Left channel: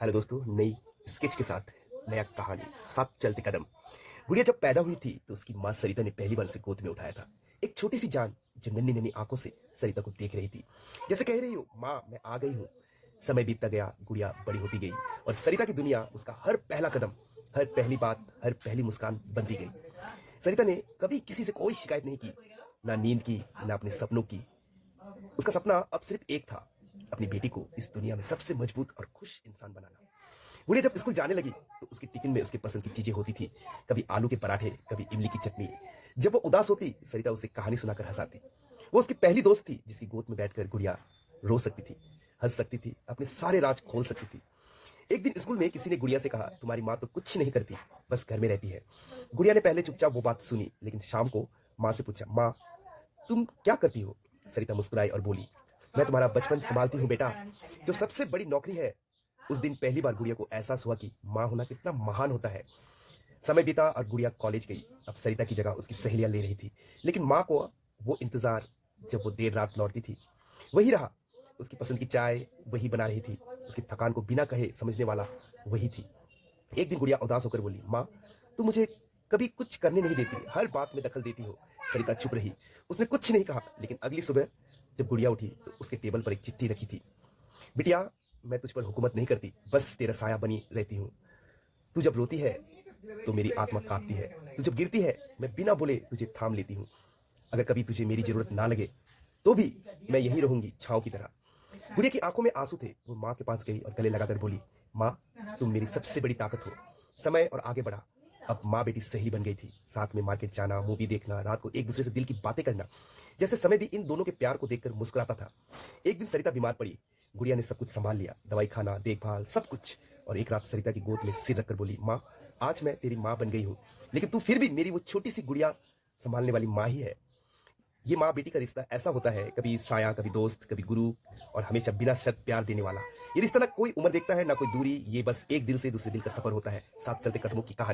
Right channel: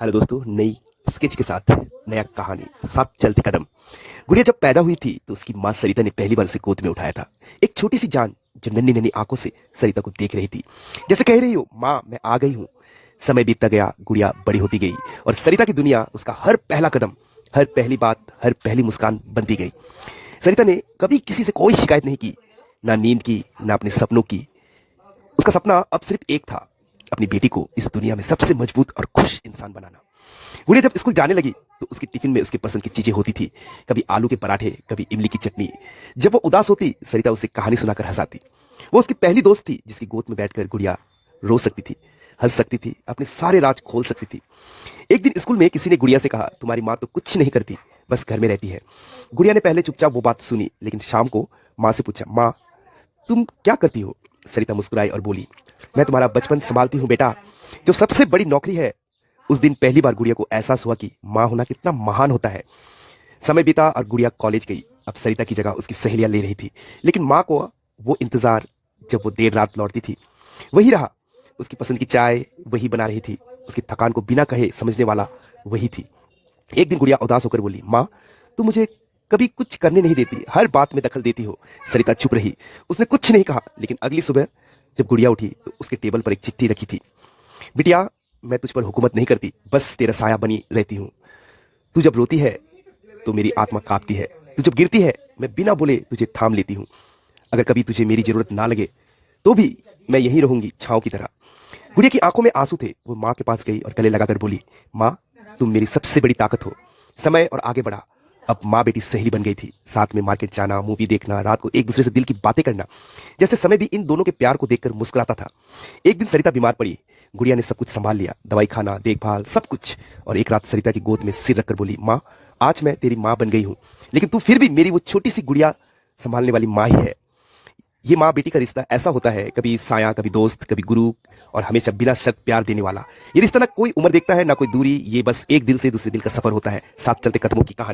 Hello दोस्तों, नई sketch के साथ नया कहानी साथ चलते कदम। गुड़िया जब पैदा हुई थी तो उसकी माँ सरिता ने पहली बार उसे गोद में उठाया था। एक छोटी सी जान जो नन्ही नन्ही आंखों से सरिता को देख रही थी, जैसे कह रही हो, माँ मैं आ गई हूँ। समय बीतता गया, गुड़िया बड़ी होती गई और सरिता की दुनिया उसका हर पहला कदम, हर पहली बात, हर पहली मुस्कान बनती गई। सरिता ने कभी किसी से कोई शिकायत नहीं की, ना नींद की, ना अपने सपनों की। उसका सपना अब सिर्फ एक था, अपनी बेटी को इस दुनिया में सबसे मजबूत और खुश इंसान बनाना। गुड़िया जब स्कूल जाने लगी तो उसकी टिफिन में उसके पसंद की चीजें होती थी। कभी आलू के पराठे, कभी इमली की चटनी। जब वो उदास होती, सरिता उसे कहानी सुनाकर हंसाती। वो उसकी पहली दोस्त थी जिसकी गोद में बैठकर गुड़िया रो सकती थी, हंस सकती थी, अपने सारे राज खोल सकती थी। एक दिन स्कूल में किसी ने गुड़िया से कहा, तुम्हारी माँ तो कुछ नहीं करती, बस घर में रहती है। गुड़िया ने पहले चुपचाप वो बात सुनी, लेकिन शाम को माँ से पूछा, माँ तुम क्या करती हो? सरिता मुस्कुराई और बोली, मैं तुम्हारा बचपन संभालती हूँ बेटा, जो सबसे बड़ी नौकरी है। उस दिन पहली बार गुड़िया को एहसास हुआ कि माँ होना कितना महान होता है। समय बीता और गुड़िया कॉलेज गई। अब सरिता की जगह उसकी सहेलियां ले रही थी, लेकिन माँ को वो इंतजार, जब वो देर रात लौटती थी, वही रहा। उसकी पसंद की चाय वही बना रही थी, उसकी थकान को बिना कहे समझने वाला वही थी। एक दिन गुड़िया उदास होकर बोली, माँ तुम मुझे कभी कुछ करने नहीं देती, हर बात में दखल देती हो। सरिता चुप रही, उसने कुछ नहीं कहा। लेकिन अगली सुबह जब गुड़िया उठी तो उसके टेबल पर एक चिट्ठी रखी थी। बिटिया, मैं तुझ पर हुकूमत नहीं करती, बस तेरा साया बनी रहती हूँ। तू जब रोती है तो मेरी आत्मा कांपती है, तू जब गिरती है मैं बिना बोले तुझे थाम लेती हूँ। अगर कभी तुझे मेरी जरूरत ना लगे तो भी मैं यहीं रहूंगी, छाँव की तरह। गुड़िया की आंखों में आंसू थे। वो माँ के पास गई और गले लगाकर बोली, माँ तुम मेरी सबसे बड़ी ताकत हो। समय और आगे बढ़ा। अब माँ बेटी सहेली बन गई थी, साथ में मार्केट जाना, मूवी देखना, रात को एक दूसरे से दिल की बातें करना। जैसे समय भी इन दोनों के प्यार को देखकर मुस्कुराता था। एक दिन सरिता बीमार पड़ी। गुड़िया ने सब कुछ संभाल लिया, दवाई खाना, देखभाल, सब कुछ। और एक रात सरिता की गोद में सिर रखकर बोली, माँ आज मैं तेरी माँ बन गई हूँ, लेकिन तू फिर भी मेरी वो छोटी सी गुड़िया संभालने वाली माँ ही है। ये माँ बेटी का रिश्ता ऐसा होता है, कभी साया, कभी दोस्त, कभी गुरु, और हमेशा बिना शर्त प्यार देने वाला। ये रिश्ता ना कोई उम्र देखता है, ना कोई दूरी, ये बस एक दिल से दूसरे दिल का सफर होता है, साथ चलते कदमों की कहानी।